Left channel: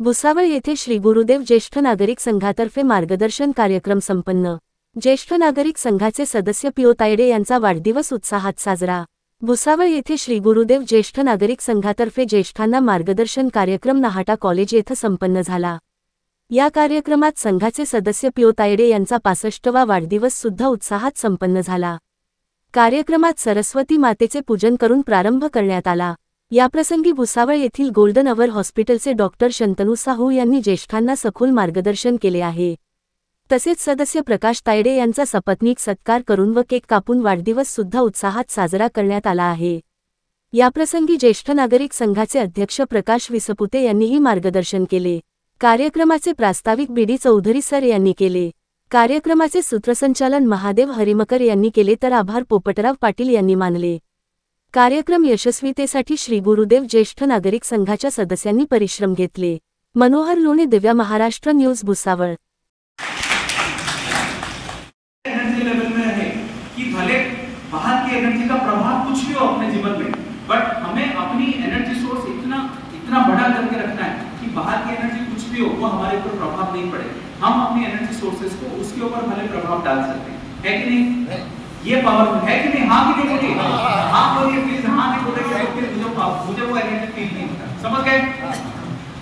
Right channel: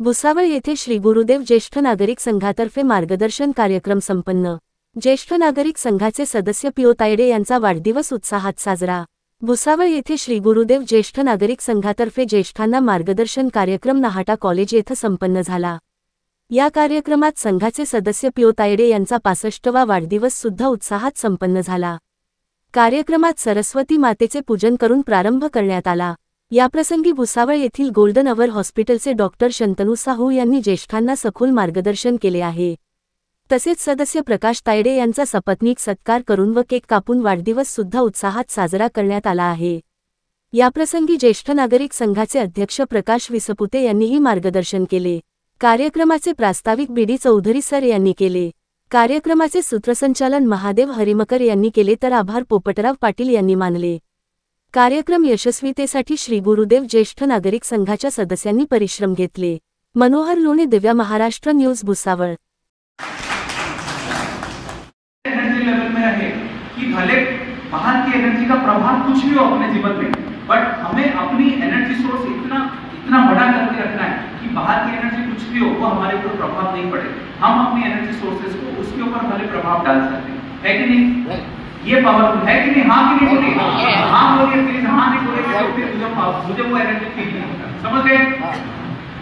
भुसावळ येथे श्री गुरुदेव ज्येष्ठ नागरिक संघातर्फे मार्गदर्शन कार्यक्रम संपन्न। ज्येष्ठ नागरिक संघाचे सदस्य पीओ तायडे यांचा वाढदिवस उत्साहात साजरा। भुसावळ येथे श्री गुरुदेव ज्येष्ठ नागरिक संघातर्फे ज्येष्ठांना मार्गदर्शन कार्यक्रम नाहाटा कॉलेज येथे संपन्न झाला। या कार्यक्रमात संघाचे सदस्य पीओ तायडे यांचा 65वा वाढदिवस सुद्धा उत्साहात संपन्न झाला। कार्यक्रमात सरस्वती मातेचे पूजन करून प्रारंभ करण्यात आला। याप्रसंगी भुसावळ येथील गोल्डन अवर हॉस्पिटलचे डॉक्टर शंतनू साहू यांनी ज्येष्ठांना सखोल मार्गदर्शन केले आहे। तसेच सदस्य प्रकाश तायडे यांचा सपत्नीक सत्कार करून व केक कापून वाढदिवस सुद्धा उत्साहात साजरा करण्यात आला आहे। याप्रसंगी ज्येष्ठ नागरिक संघाचे अध्यक्ष प्रकाश विसपुते यांनीही मार्गदर्शन केले। कार्यक्रमाचे प्रास्ताविक बीडी चौधरी सर यांनी केले। कार्यक्रमाचे सूत्रसंचालन महादेव हरिमकर यांनी केले तर आभार पोपटराव पाटील यांनी मानले। कार्यक्रम यशस्वीतेसाठी श्री गुरुदेव ज्येष्ठ नागरिक संघाच्या सदस्यांनी परिश्रम घेतले। Manohar Lone, Divya Maharashtra news, Bhusawal. Energy level में रहे कि भले बाहर की एनर्जी का प्रभाव कुछ भी हो अपने जीवन में, बट हमें अपनी एनर्जी सोर्स इतना बड़ा करके रखना है कि बाहर की एनर्जी कुछ भी हो वो हमारे ऊपर प्रभाव नहीं पड़े। हम अपनी एनर्जी सोर्सेस को उसके ऊपर भले प्रभाव डाल सकते हैं, है कि नहीं? ये पावरफुल है कि नहीं? हाँ कि नहीं बोलिए? हाँ बोलिए प्लीज। हाँ नहीं बोलेंगे मुझे वो एनर्जी फील नहीं होगा। समझ गए?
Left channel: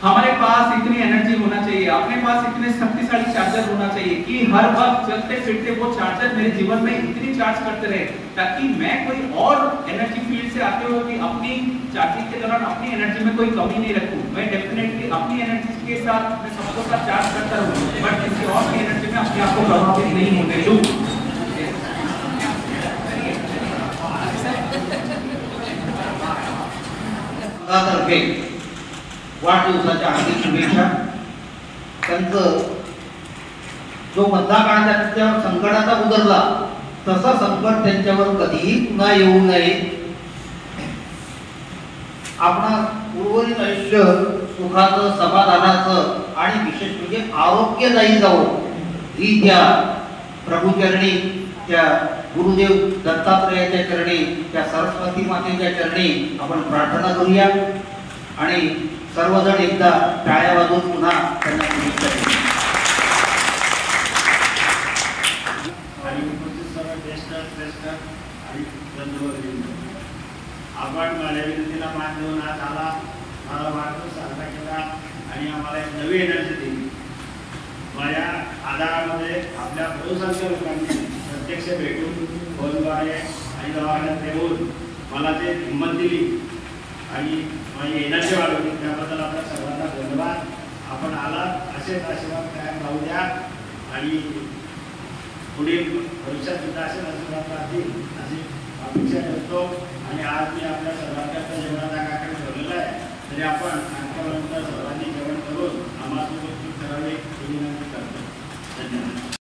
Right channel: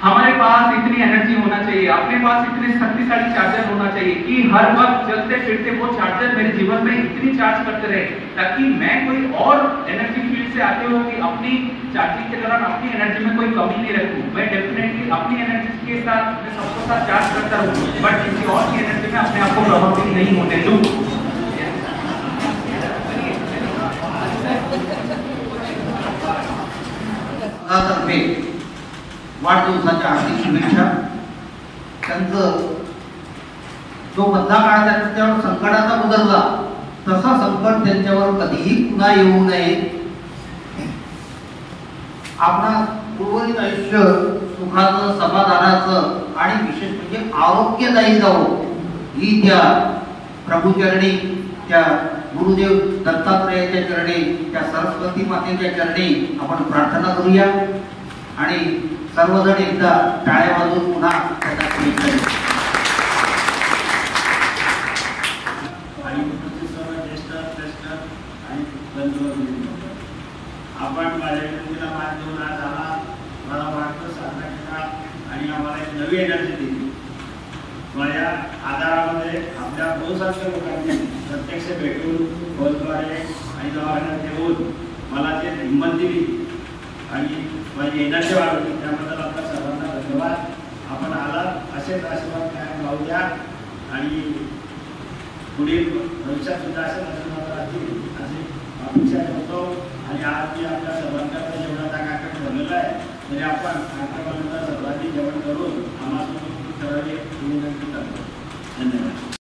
हमारे पास इतनी एनर्जी होना चाहिए, अपने पास इतने शक्तिशाली चार्जर होना चाहिए कि हर वक्त चलते फिरते वो चार्जर मेरे जीवन में इतनी चार्ज करते रहे ताकि मैं कोई और एनर्जी फील्ड से आते हुए अपनी चार्जिंग के दौरान अपनी एनर्जी में कोई कमी नहीं रखूं। मैं डेफिनेटली अपनी एनर्जी के साथ मैं सबको साथ चार्ज करता रहूं, बट किसी और की एनर्जी में अपने आप को प्रभावित नहीं होने दूं। वाढदिवसाच्या हार्दिक शुभेच्छा। त्यांचं जो मधला काळ त्यांच्यावर संकटाचा उतरला तसं संकट त्यांच्यावर कधीही पुन्हा येऊ नये। आपणा उर्वरित आयुष्य सुखाचं, समाधानाचं आणि विशेष म्हणजे आरोग्यदायी जावो ही त्या प्रभूचरणी, त्या गुरुदेव दत्तात्रेयाच्या चरणी, त्या सरस्वती मातेच्या चरणी आपण प्रार्थना करूया आणि सर्वजण एकदा टाळ्या वाजवून पुन्हा त्यांना शुभेच्छा देऊ। आपण माझ्या मान देऊन आज आला, मला वाढदिवस साजरा केला आणि आम्हाला एक नवी एनर्जी दिली। माझ्या आधारामध्ये आपल्या बहुसंख्य लोकांनी प्रत्यक्ष भेटून फोनद्वारे आणि दवाखान्यात येऊन मला ते हिंमत दिली आणि माझी एनर्जी वाढवली, त्याबद्दल आपल्या सर्वांना धन्यवाद। आपण आलात असेच आशीर्वाद कायम राहू द्या आणि पुढील भविष्यात सुद्धा असं आशीर्वाद राहतील अशी अपेक्षा करतो। आणि आज मी आपल्या सर्वांच्या जेवणाचा कार्यक्रम ठेवलेला आहे, तरी आपण कार्यक्रमानंतर सर्वांची जेवण करून आम्हाला करावे ही विनंती करतो। धन्यवाद।